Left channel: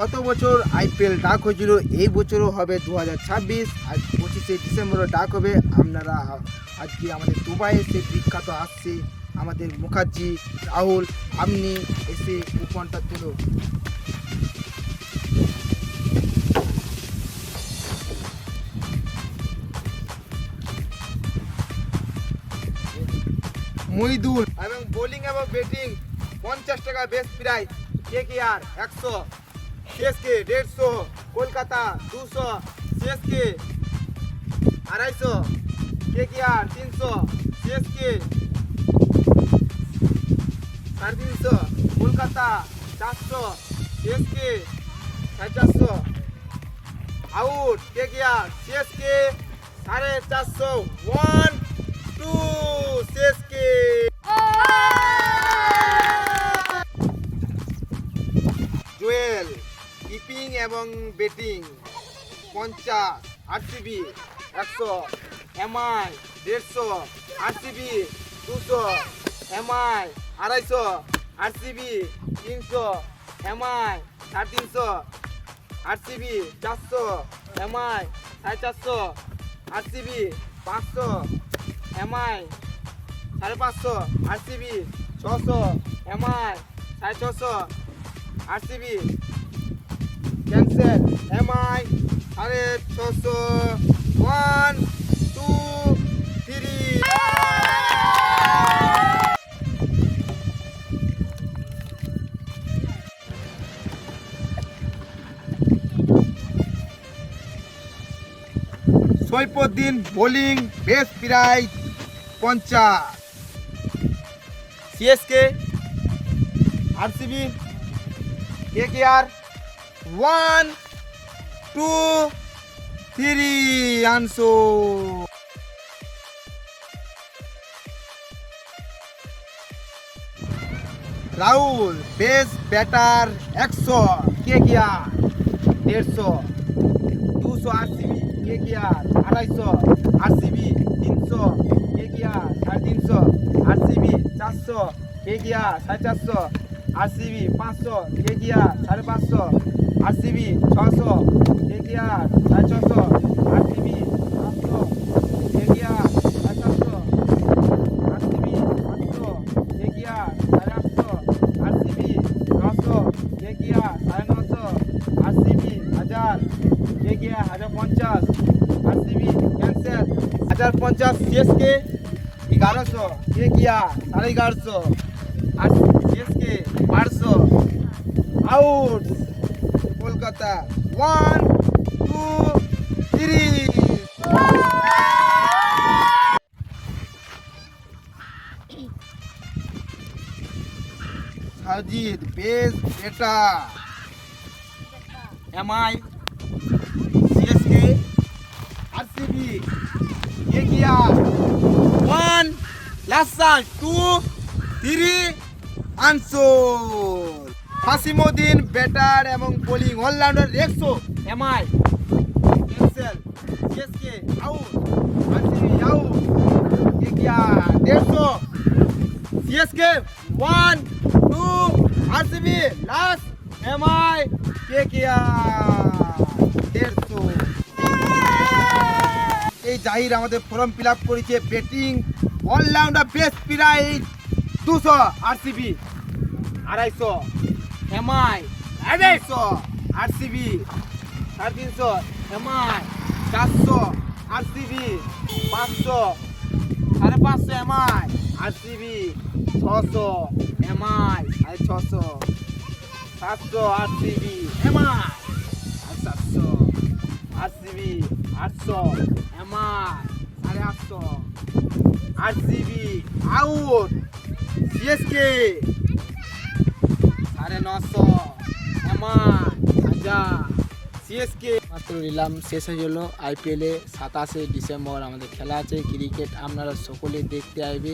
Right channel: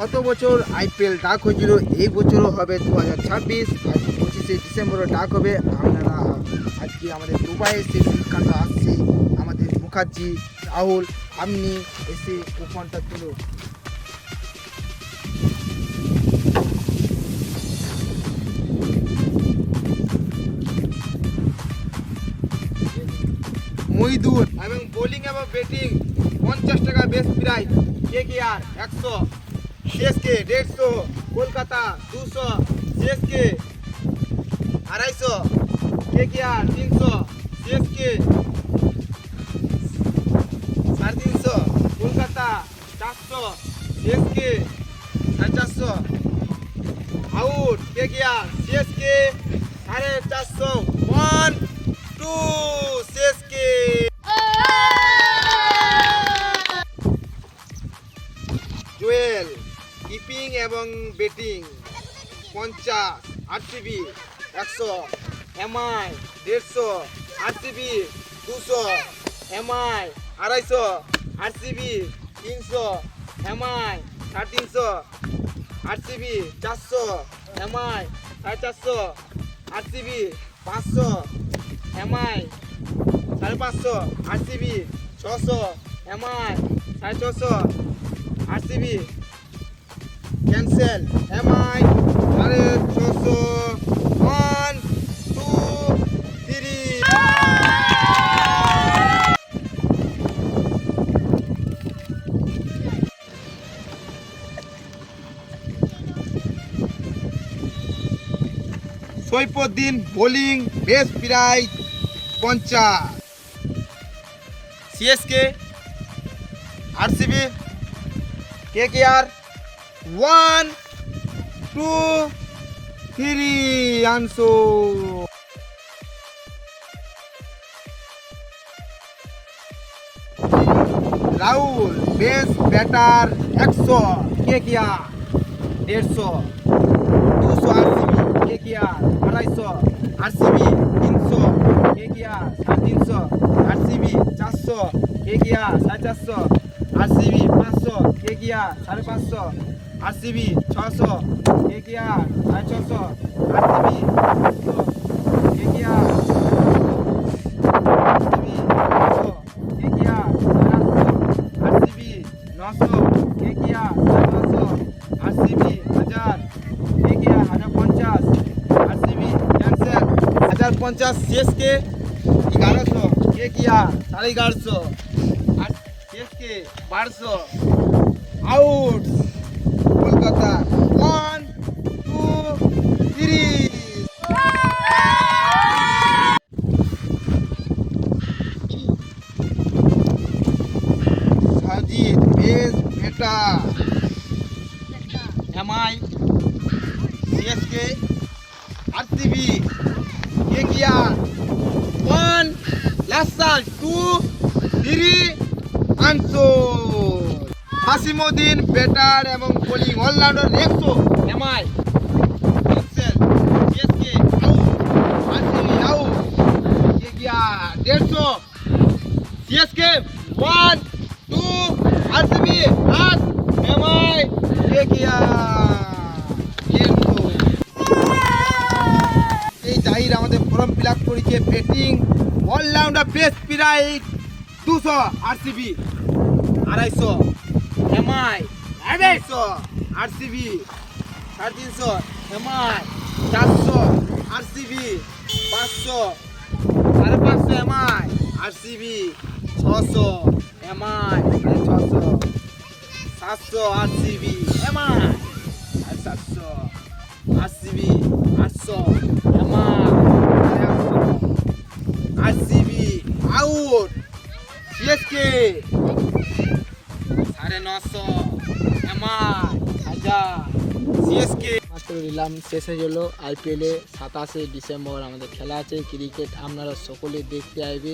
গত বছর আইপিএল ডাক হয়েছিল? এই বছরও হবে দু হাজার ছাব্বিশ। আজ পঁচিশে ডিসেম্বরে ডাক হবে। আপনারা আজকে আমাদের দুবাইয়ে সে বিখ্যাত আসছে। আমাদের মুখার্জি, রাহুল আপনি এসে কুপনটা তুলো। মইদুল এবং বোলিং এবং ব্যাটিং পঞ্চাশ টাকা বেস্ট প্রাইস কে কে আর? একশো। সিএসকে দেড়শো, কলকাতা দুশো সিএসকে আড়াইশো কে কে আর তিনশো সিএসকে সাড়ে তিনশো, কলকাতা চারশো সিএসকে সাড়ে চারশো। আউট কে কে আর সিএসকে সাড়ে চারশো। ওয়ান এবং ব্যাটিং পঞ্চাশ, আরসিবি একশো, এমআই দেড়শো, আরসিবি দুশো, এমআই আড়াইশো, আরসিবি তিনশো, এমআই সাড়ে তিনশো, আরসিবি চারশো, এমআই সাড়ে চারশো, আরসিবি পাঁচশো, এমআই সাড়ে পাঁচশো, আরসিবি ছশো, এমআই সাড়ে ছশো, RCB cancel one two three Saifuddin bowling best prize পঞ্চাশ। CSK RCB K K R one two three আনসো Rahul best batter একশো, কে গিয়া? দেড়শো, দুশো আরসিবি কে কিয়া আড়াইশো, আরসিবি, তিনশো, কে কিয়া সাড়ে তিনশো, আরসিবি, চারশো, কে কিয়া সাড়ে চারশো, আরসিবি, পাঁচশো, কে কিয়া সাড়ে পাঁচশো আরসিবি ছশো কে কিয়া সাড়ে ছশো আরসিবি সাতশো কে কিয়া আরসিবি ছশো কে কিয়া সাতশো আরসিবি নশো কে কিয়া সাড়ে নশো আরসিবি হাজার কে কিয়া হাজার পঞ্চাশ আরসিবি ক্যান্সেল হাজার পঞ্চাশ সিএসকে এগারোশো কে কিয়া সাড়ে এগারোশো আর সিএসকে বারোশো out Kolkata. One two three Sajid, বেশ, বেটা। MI CSK RCB KKR one লাসাল two three আনসো হাসিমুদ্দিন ব্যাটার এবং বোলিং অলরাউন্ডার একশো এমআই। দেড়শো। সিএসকে ওয়ান টু আরসিবি আস এমআই কেকিআর দেড়শো। এই জাহির আমাদের ফর্ম ফিল আপ করেছে ব্যাটিং অলরাউন্ডার বেস্ট প্রাইজ দুশো আরসিবি। আড়াইশো। এমআই আড়াইশো আরসিবি সাড়ে তিনশো এমআই চারশো আরসিবি পাঁচশো সাড়ে পাঁচশো এমআই আরসিবি ছশো এমআই ছশো সাতশো আরসিবি এমআই সাতশো আরসিবি আটশো এমআই আরসিবি আউট সিএসকে সাড়ে নশো সিএসকে মাত্র নিলাম, শেষ হয়ে গেল আইপিএলে সাতাশে ডিসেম্বর। আমাদের খেলা আছে ক্রিকেট আপনারা সকলে দেখতে আসবে।